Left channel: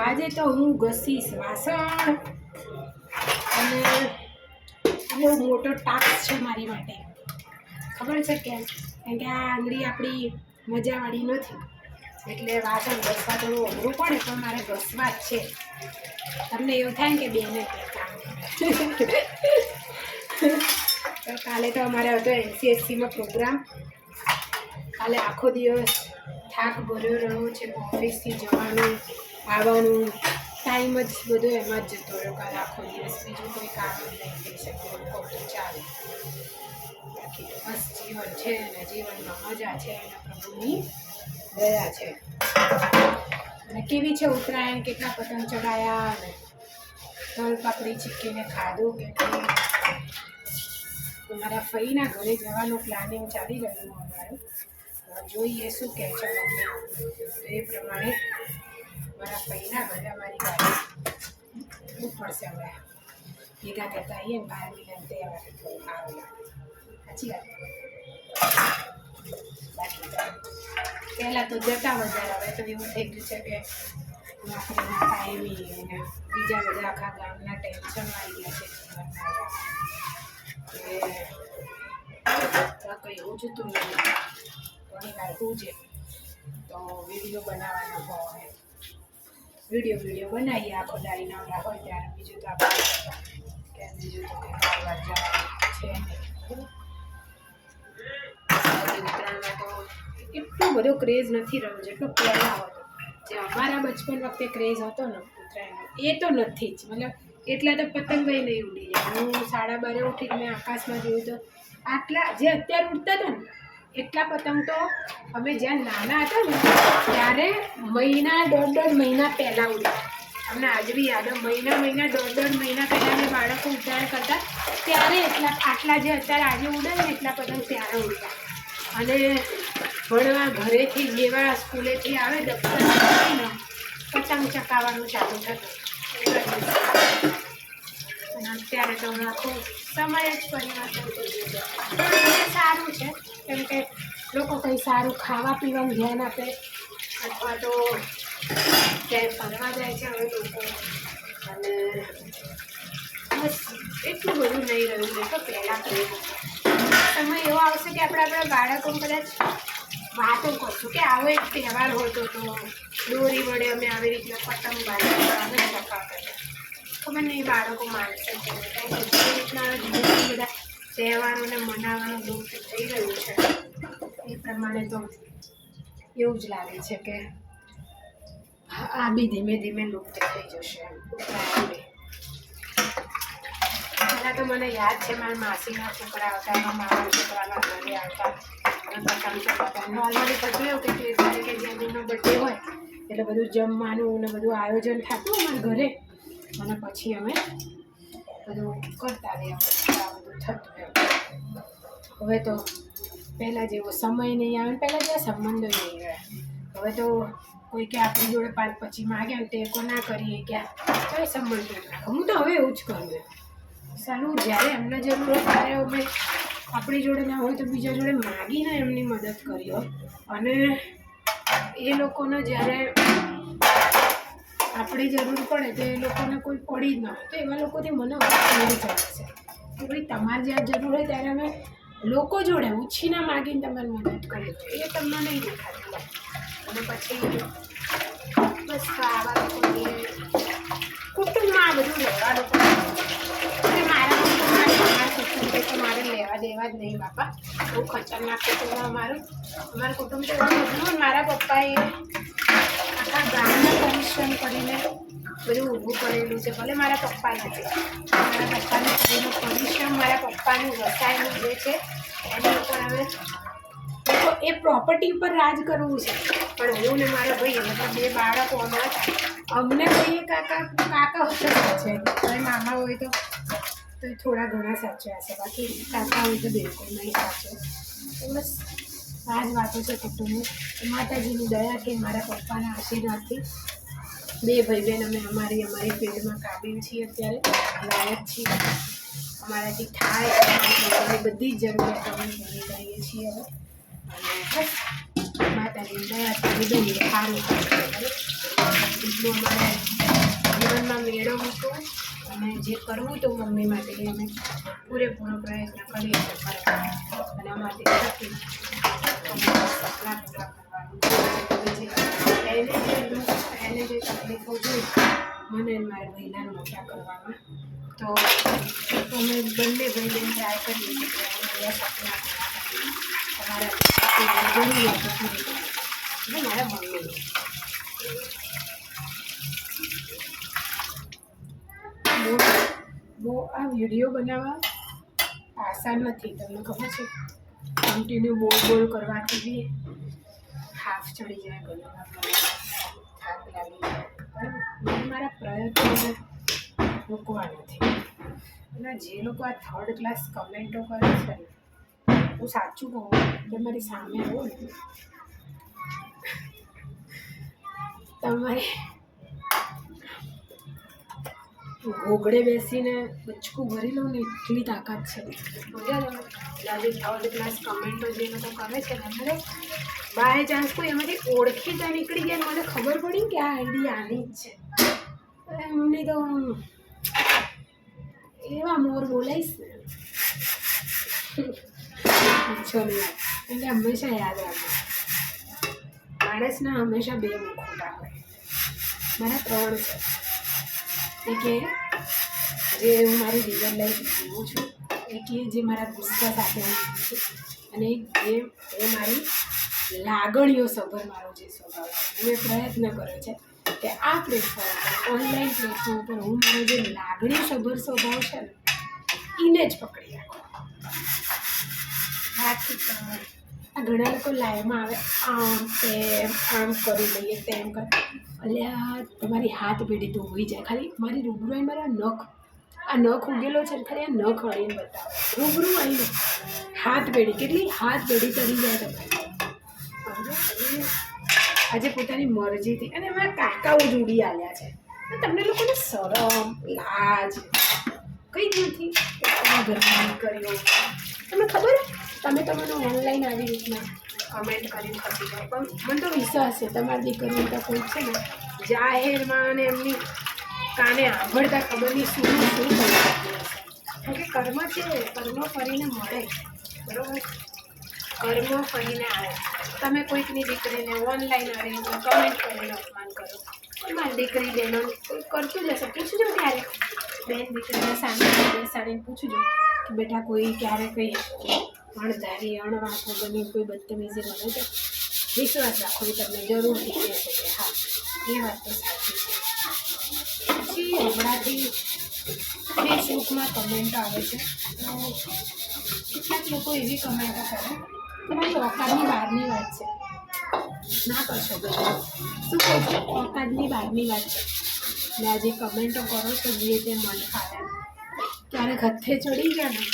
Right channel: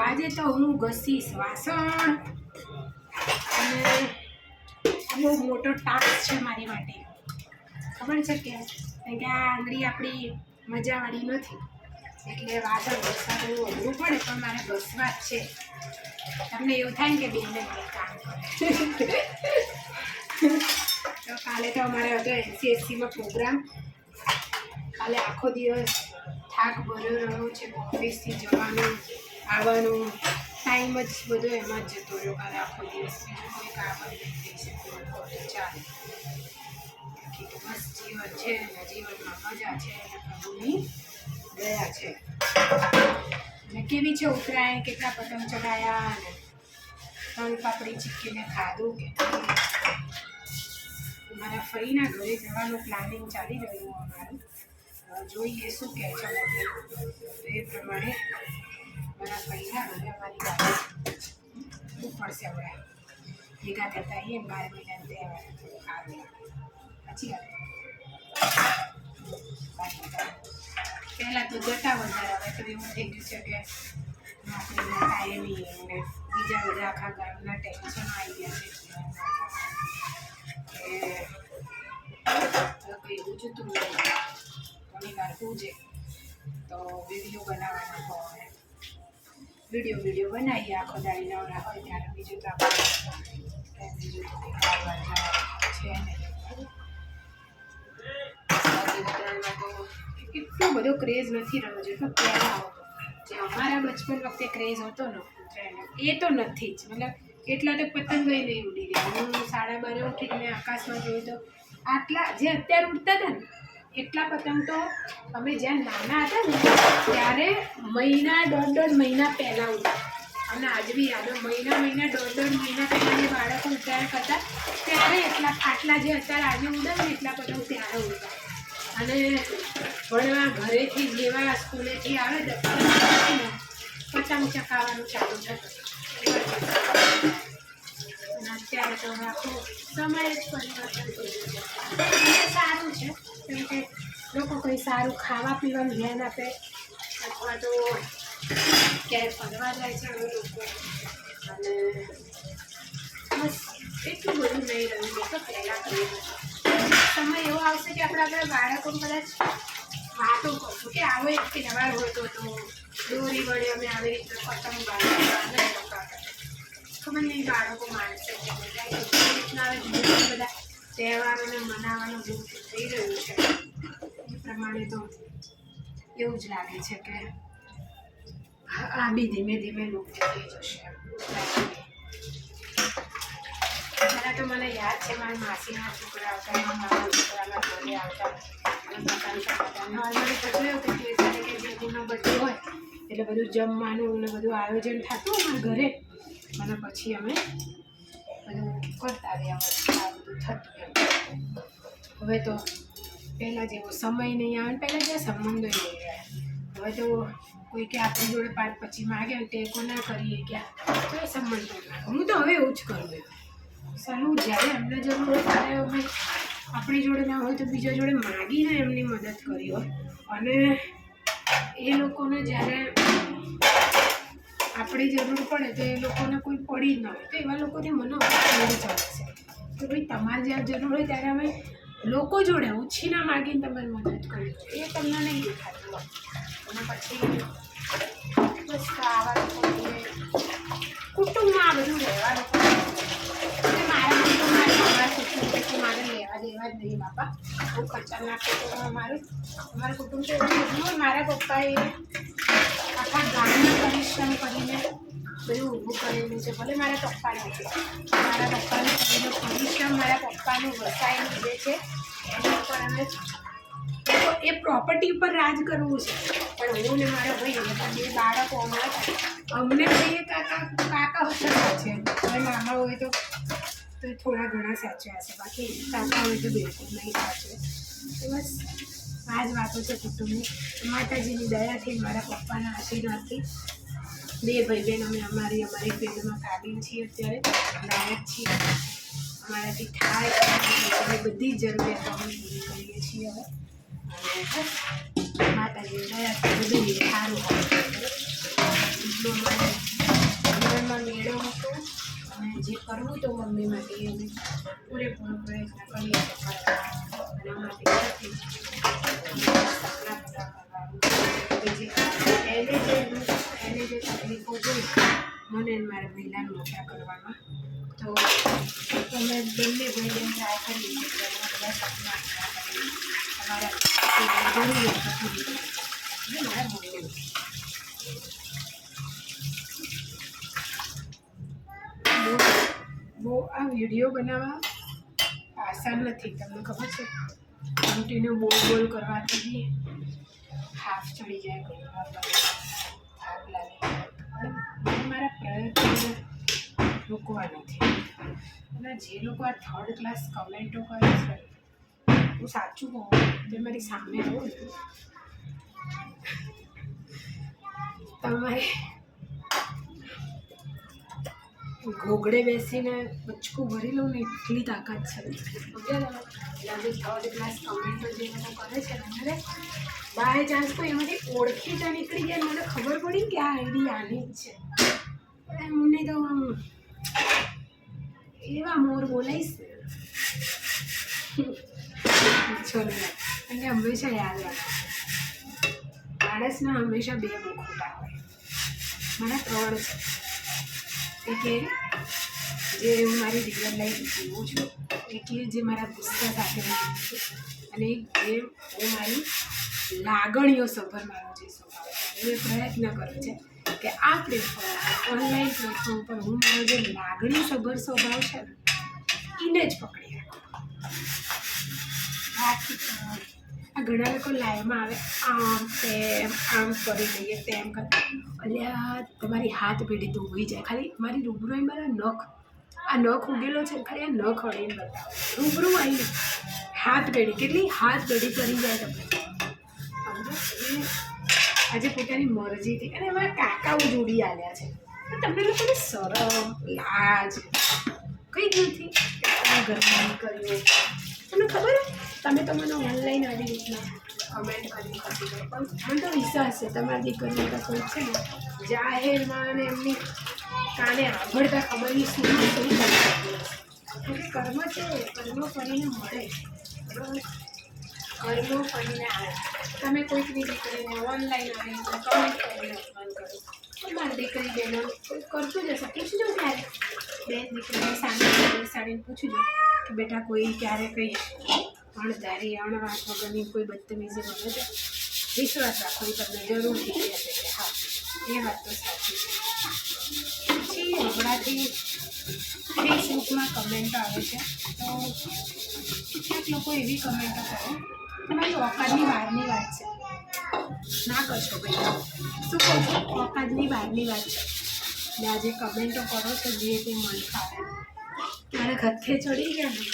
આજે તો હું ઘસીશ વાસણ અને બહુ મોટો ટાસ્ક છે મારી માટે. ખબર છે કેમ? કારણ કે આ આંગળી આપણી મજાવાળી નથી, એટલે વાસણ ઘસવા થોડું અઘરું પડે, પણ મારે ઘસવા જ છે. તમને એવું થાય ને કે બેને કંઈ કામ કરે. તો કાલે તો અમારે હતો NCSCમાં પ્રોગ્રામ. કાલે આખો દિવસ થાક ભર્યો રહ્યો છે. ઓફિસથી જવાનું આવવાનું ટાઈમ જ બધો એમાં જ જતો રહ્યો કાલે આખો દિવસ. બીજું કોઈ કામ જ નહીં થઈ શક્યું. તો ચાલે, બાકી તો બસ જીવન છે ને જીવનમાં મજા છે અને પ્રભુની દયા છે. અને કેવી છે ઉત્તરાયણ, કેટલા પતંગ ચગાયા અને તલ પાપડી ચીક્કીને ખાધું કે મારા ફઈના ઘરે જવાનું પ્લાનિંગ ચાલી રહ્યું અમારું. જોઈએ શું કહે છે મમ્મી. એ પ્રમાણે મારા ફઈના ઘરે અમારી ગાડી જવું પડશે. હવે ભેગા થતા આવીએ ને 12 મહિનાનો તહેવાર થોડું સારું લાગે. સાચી વાત. બાકી તો પહેલાં તો જતા વધારે, હવે તો એવું થઈ ગયું છે કે નોકરીના ટાઈમિંગ અને બીજા બધા આખા ગામના ટેન્શનો આવી ગયા છે જીવનમાં. કંઈ ઉજતું નહીં. ઘણી વાર ઉજે તો વિડીયો બનાવવાનો હોય, વિડીયો બનાવીએ આખો દાડી નવરા હોય ત્યારે. બીજું તો આપણે બીજું તો કંઈ કરવા જવાનું છે નહીં. ઉત્તરાયણમાં તો એટલો બધો ક્રેઝ નથી રહ્યો જેટલો પહેલાં હતો. જે અમારા બચપન વખતે ક્રેઝ હતો ને ઉત્તરાયણનો, એ તો નથી જ. મતલબ એટલા તો પતંગય નહીં ઉડી જાય. હું 12:30 ઉઠીને મેં આકાશમાં જોયું તો આટલા જે અત્યારે ઉડતા હતા ને એટલા પતંગ તો અમે જ્યાં નાના હતા ને ત્યારે મહિના 1.5 મહિના પહેલાં ઉડ્યા. અમને આજ બી યાદ હોય, મહિના 1.5 મહિના પહેલાં બાળકો ઉત્તરાયણ કરતા ત્યારે આટલા જે અત્યારે આજે ઉડે ને એટલા પતંગ ત્યારે ઉડતા. અને ભણવા ઘરેથી જેવા સ્કૂલેથી આવે પતંગ ચકાવવાનું ચાલુ થતું. અને અત્યારે તો આખું સમય જ પરિવર્તન થઈ ગયું. એ સારું છે, કેમ કે લોકો કંઈ સારું ખાવા પીવાનું ધ્યાન આપે, અથવા તો ક્યાંય ફરવા જાય છે હવે લોકો. અને બસ એટલું બધું નહીં રહ્યું નહીં તો પહેલાં કર્યું. સમય એવો આવશે કે આપણે આપણા બાળકો કદાચ વાતો કરશું કે આવો એક તહેવાર હોતો તો દોરી વડે અમે આવી રીતના પતંગ બાંધતા અને ચકાવતા. ખબર નહીં બાળકો માનશે કે એ રીતના બધા તહેવારોને મનાવવાનું લુપ્ત થઈ રહ્યું છે. એ પ્રમાણે તો એવું જ લાગે છે કે આ બી ધીમે ધીમે લુપ્ત થઈ જશે. પહેલાં તો મને યાદ છે મારા માસીના છોકરા આવતા, એમાં મારા છોકરાના ઘરે આવતા અને પતંગ ચગાવતા. નોર્મલી પછી એવું કે 13 તારીખે જેનો બર્થડે હોય એટલે બધું જમવાનું ને બધું આયોજન થતું અમારા ઘરે. અને પછી અમે બધું કરતા રહ્યા, આ બધું થતું એમ. હવે તો પહેલાં જેવો સમય નહીં આવે ને પહેલાં જેવા સંબંધો નહીં રહ્યા. હવે તો કોઈ કે આપણી જોડે 5-25 માગે ને ટેકો ના કરીએ ક્યાં તો એ સંબંધો ના. હું તો હવે એવું જ કરું. સાલું જ્યારે એમને જરૂર હોય ત્યારે અમે આપણી જોડે ના હોય તો બીજા જોડે માગીને એમની મદદ કરી હોય. અને એ લોકોને જ્યારે આપણી જરૂર પડે તો એ લોકોને કોઈ પડી જ ના હોય તો એવા લોકોથી મને મળી જાય છે કે ભાઈ તમારે જ્યારે જરૂર હોય ત્યારે અમે લોકો જોડે ઉછીના માગીને તમારી મદદ કરે તો એ તમને નહીં દેખાતું. અને પછી બસ આવા લોકોની કુટુંબમાં આ બધું રહેવા લોકો મારે લેવા દેવા જ નહીં બાપા. બહુ ખતરનાક કુટુંબ અમારું કુટુંબ તો એવું બધું. મારા પપ્પાએ આખા ગામના પરિશ્રમ કરીને બધું ઊભું કરેલું છે. ભલે મારા પપ્પા નથી, મારા પપ્પાનું કરીને પરિશ્રમ મારા પપ્પાનું વસાયેલું જે છે એના ઉપર હવે એ પ્રોપર્ટી ઉપર રાજ કરવું છે. પણ હું ને મારા ભાઈ અમે તો 2 બાળકો અમારા અમને ભાઈ કાકા હતા છે. હવે મામા હોય તો થોડા ઘણા સાચવ્યા છે, બાકી કાકા હોય તો બિલકુલ નહીં સાચવે. તો બસ આ જ વાતો છે કુટુંબની. માતાજીની દયાથી, મારા પપ્પાના આશીર્વાદથી 2 ભાઈ બહેન અમે અમારી ફિલ્ડમાં કાબિલ છીએ, અત્યારે લાયક છીએ. અમારાથી થાય અમે બધી જ જરૂરિયાતો અમે પૂરી કરીએ છીએ હવે. અને બસ માતાજીની દયાથી બધું સારું થાય. અમારે જીવનમાં મેળવવું હતું અને જે કરવું હતું મમ્મી માટે એ અમે પૂરેપૂરો પ્રયત્ન કરીએ છીએ કરવાનો. અને અમારી થકી સપના પૂરા કરવાનું. એને જે તકલીફો જોઈ મને મારા મહિલાને મોટા કરવામાં, તો અમે બંને ભાઈને ટ્રાય કરીએ છીએ કે બધા સપના પૂરા કરીએ. તમારા જરૂરી હોય તો પૂરી કરીએ. અને મારા મમ્મી બહુ આ વિડીયો બનાવવા આસાન નથી. તમને ખબર છે, કન્ટિન્યુ બોલ કરવાથી બી હાફ ચડી જાય, ઘણી વાર થાક લાગી જાય. પણ મને મારા પ્રયત્નોને રોકવા નથી. અને જે લોકો આ 3rd ક્લાસ કમેન્ટો કરે છે, હું સાચું કહું તો મારી સામે આવું ને, તમારે ઘોગડે બેસીને બચકું ભરી લઉં ને એટલી તાકાત છે. સમજ્યા તમે? આજે 3rd ક્લાસ કમેન્ટો જે લોકો કરે છે ને, મને બાય ચાન્સ કોઈ એમાંથી ઓળખીતા નીકળી ગયા, મને ખબર પડી કે આ આઈડી આની જ છે, એમને તો એવા મોર બોલાઈશ ને પૂછો નહીં. એટલે હંમેશા યાદ રાખો, માણસના હંમેશા 2 મુખોટા હોય. મારા 3 છે. એક એ જે હું મારી રિયલ લાઈફ જીવું છું, એક એ જે મારા ગુસ્સા સાથે હું જીવું છું, અને એક જે હું મારી લાગણીઓ સભર મારો જે સ્વભાવ છે. મેં પ્રયત્ન કર્યો છે કે આ પ્લેટફોર્મ પર, ઓનલાઈન પ્લેટફોર્મ પર હું મારો જે લાગણી સભર સ્વભાવ છે ને, એને જ પકડી રાખો. બાકી આ ઘણા લોકો લાઈવમાં આવે, આમ કરી લઈએ, તેમ કર. અલ્યા તમારી હાથ પેઢી તો હોઈ જાય. ખાલી મારી રૂબરૂ આવીને મારા નખ ઉગેલો છે ને, ખાલી આ નખ અડીને બતાવો. રૂબરૂ આવીને હાથ પેઢી, કેટલી હાથ પેઢી તરી જાય તમારી. સમજો? આજે પોતાની મરજીથી, અને અમારા કાકાઓ જોડી આવ્યા છે, તમને લોકોને શરમ લાજ કઈ જ નથી કે તમારા ઘરમાં કર્યો. તમને ખબર હે, તમે મને ઓનલાઈન આવી રીતના કમેન્ટ કરી ખસી જાય, પણ મને તો વિશ્વાસ છે તમારી દીકરીઓ તો કોઈ છે ને જાહેરમાં અને એમની કાને આંભળતા ખબર નહીં શું કરી શકતી હશે. કેમ કે કર્મ છે, કર્મ ફરીને મળે. બરાબર? કર્મ ફરીને આવે. તમે કોઈકની દીકરીને ઓનલાઈન આવે એટલે કમેન્ટ કરીને અપમાન કરો, પણ મારી દીકરી બહેનો કોઈ કરતું જ હશે. પૂછજો ક્યારે બેન દીકરીને સામે બેસાડીને પૂછજો કે બેટા કોઈ ક્યારે કંઈ અણધારી અણવાત વગરની કોઈ બદતમીજી બને છે? વિશ્વાસ રાખો, એ તમને જરૂરથી કહેશે કે હા એ વાત તો સાચી છે. પછી હમણાંથી ફેસબુકમાં કમેન્ટો આવે છે, તો કેટલાક લોકો એવી કમેન્ટો કરે તમારી ઓકાતની બહારની વાત છે. ના કરશો ભાઈ, શું કહો છો? ઓકાતની બહારની વાત છે. એટલે આ જે કમેન્ટો કરો છો જે તે મન ફાવે, ક્યારેક હથે ચડી ગયા ને,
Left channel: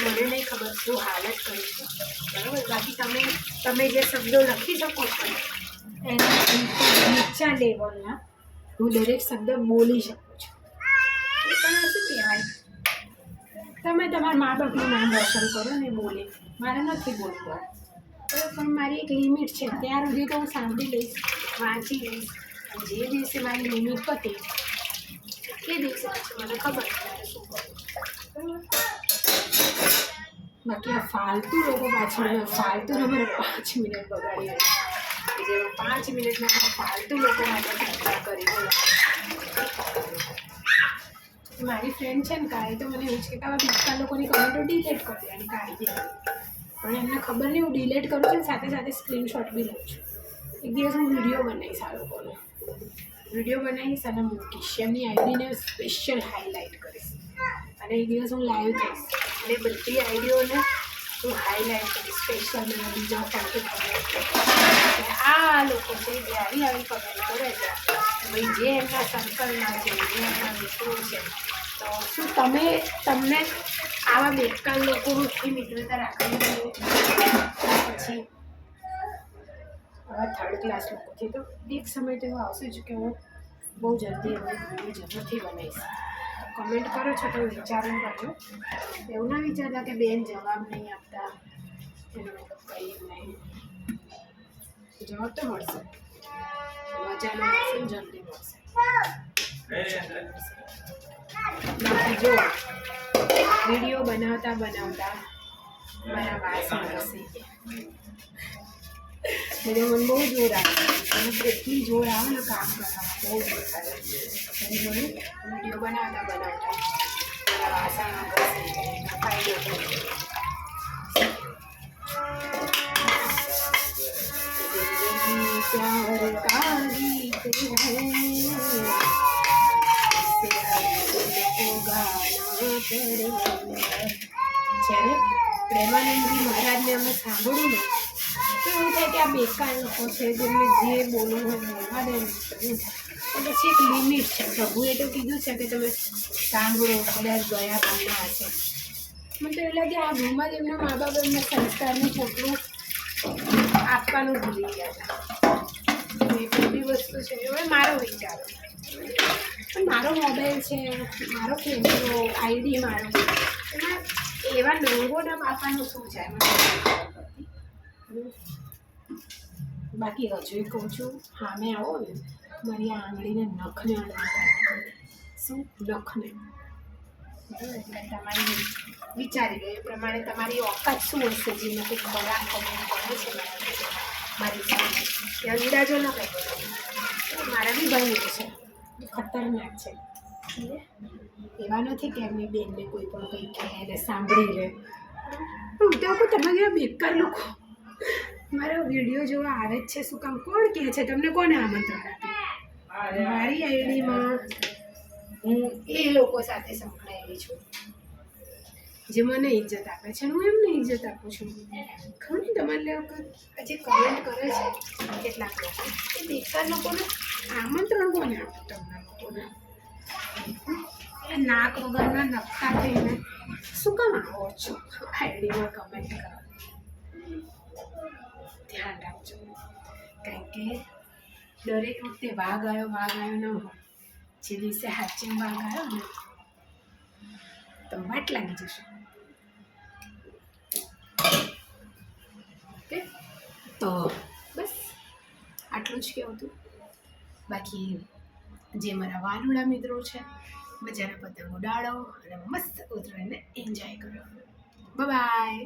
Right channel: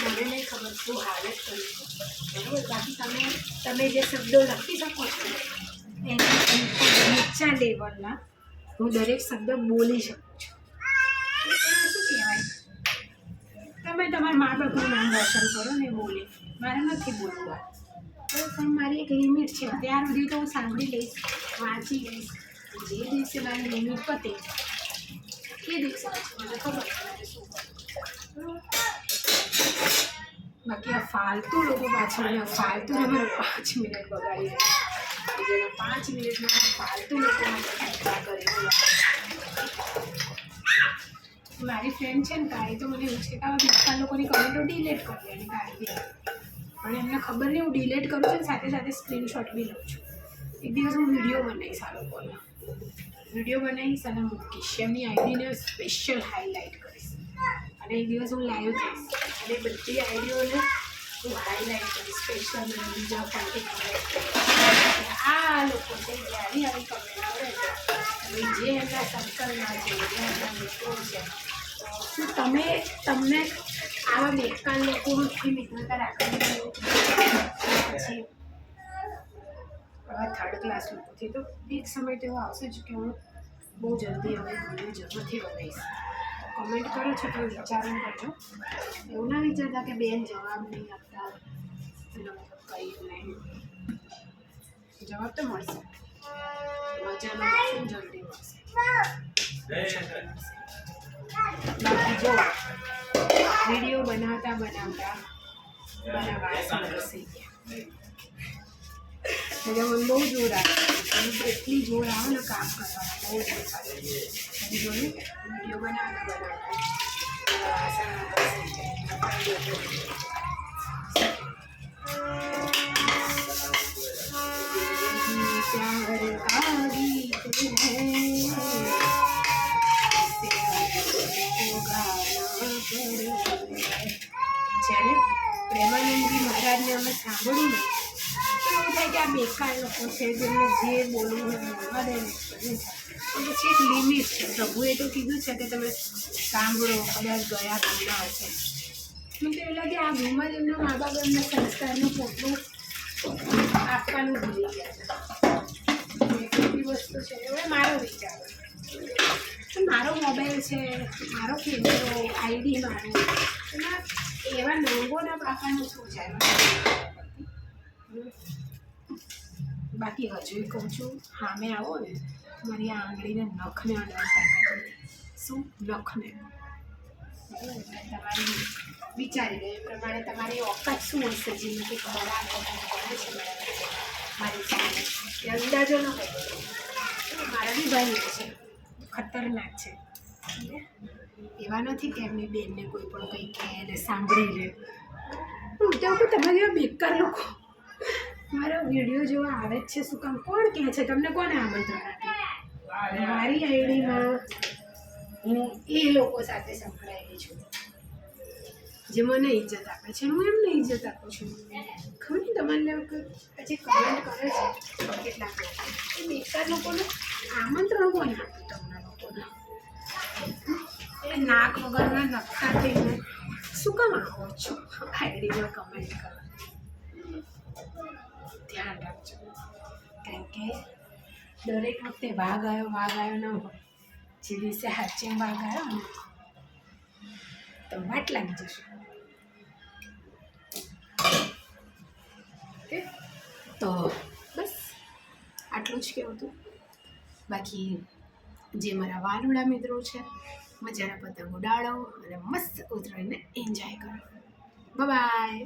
મને નહીં ખબર શું હાલત કરી છે. બરાબર? બાકી તમે જે શબ્દો લખી શકો છો એના નીચા લેવલના હું દરેક શબ્દ બોલી શકું છું. એ પણ શું કહેવાય, તમે તમારા મા બાપનું નામ રોશન કરો ને બોલી, મારે નથી બોલવું. પણ મારી એક લિમિટ છે, ત્યાર સુધી તો હું સાંભળી લઈશ, વાંચી લઈશ. જે દિવસે મારી લિમિટ પતે તે દિવસે પછી મને ખબર છે મારે શું કરવું. બરાબર? બાકી આ ફાલતુ લોકો પાછળ ફાલતુ અમારે 5 મિનિટ બગાડી રહી, જેમાં 5 મિનિટમાં ફાલતુ લોકો માટે ચર્ચા કરી. મારી ફ્રેન્ડ છે ને કાળી, તો મને એવું છે કે આવા બીજા લોકોની કમેન્ટો ડિલેટ કરી દેવાની કાઢી દેવાની. પણ એમને ખબર નહીં હું ડિલેટ કરું છું, સાથે સાથે સ્ક્રીનશોટ બી લઉં છું. એક દિવસ હું વિડીયો બનાવીશ આ લોકોનો, વિડીયો બનાવીશ અને મૂકીશ, એમની આઈડીને સ્પેશિયલ હાઇલાઇટ કરીશ. અને એક દિવસ હું લાઈવ થઈશ અને બધી આઈડીઓને હું હાઇલાઇટ કરીશ સ્પેશિયલ. મને બીજા ફંક્શન આ લોકો છે જે આવી કમેન્ટ કરે છે, ભાઈ જે એમના સર્કલમાં છે, જે એમના મિત્રો છે, તો શું તમને આવા બેકાર લોકોથી મિત્રતા રાખવાની પછી આવા 3rd ક્લાસ લોકોથી તો એક સમય તો એવો આવશે જ કે હું બહુ જલ્દી હવે વિડીયો જરૂરથી બનાવીશ. કમેન્ટ કરો છો તો વિચારણ કરજો. એવું ના વિચારતા કે બેન જવાબ નહીં આપતા, એનો મતલબ કંઈ જ નહીં. જવાબ તો મળશે. મજાનો મળશે ને જલ્દી મળશે. બાકી જો વિડીયો બનાવતા મારા વાસણ ઘસી ગયા. મને બહુ જોર આવે, મને એટલી જોર આવે ને કામ કરવામાં, બહુ જોર આવે. જોયું વિડીયો બનાવતા મારા વાસણ ઘસી ગયા, નખાઈ ગયો. प्यार का गीत है જ્યારે પ્રેમાનંદજી મહારાજને અમે સાંભળ્યું ને તો એવું થાય કે આ બેકાર લોકો છે, જેમને જે બોલવું હોય બોલવા દે ને પણ પછી એક લિમિટ છે. પ્રભુએ તો કીધું છે કે તમે સાંભળો, કદાચ ગયા તમને હશે. મને તો એવું લાગે આ ઘરમાં જ એમના મા બાપ એમના સંસ્કારનું પોટલું આપવાનું ભૂલી ગયા હતા. એ બધી વસ્તુ છે. હવે મારો વિચાર, પણ મારો મોબાઈલ છે, મારો કેમેરો, આઈડી મારો, એમાં એવા નંગોના બાપાનું શું છે? બાકી હજુ કહું છું, સામે આવો ને મારી આ આંગળીને નખને અડાડતા શું નખને. એટલે તમારી વિચારી લો એ પ્રમાણે તમારી ઓકાત શું હશે, જેમાં કંઈ ખરાબ કમેન્ટ કરે છે મારી સામે. એ અંદાજો ન કંઈ મારા બી ભાઈ છે, ખતરનાક છે. એવા નથી કે એમની બેનને કોઈ પણ કંઈ કહે અને સાંભળી રહે. ત્યાં તો તમારા જેવા બેકાર લોકો મારા વિડીયો જોવા આવે જ છે. શું કામ? કોણ કહે છે તમને? કોને આમંત્રણ આપ્યું? મારી આઈડીમાં હું એ લોકો સાથે સંકળાયેલી છું જે મને ઇજ્જત આપે છે, હું એમને ઇજ્જત આપું છું. ખબર નહીં તમારે જે કમેન્ટ કરે છે કેટલાક લોકો, એ બેકાર લોકોને આમંત્રણ કોને આપ્યું? તમને લોકોને એ નાક વગરના નકટા થઈને શું કામ આવો છો આઈડીમાં કમેન્ટ કરો? ધ્યાન રાખજો, કારણ કે દરેક વખતે વાઘ આવ્યો ન હોય. જે દિવસે હાચે વાઘ આવ્યો ને તો વાટ લાગી જશે. ઓકે, તો બસ આટલું જ કહેવું હતું. બાકી જે મારા વાલુડા મિત્રો છે, મજાના પતંગ ઉડાડો અને મસ્ત ઉતરાયણને એન્જોય કરો. બાય.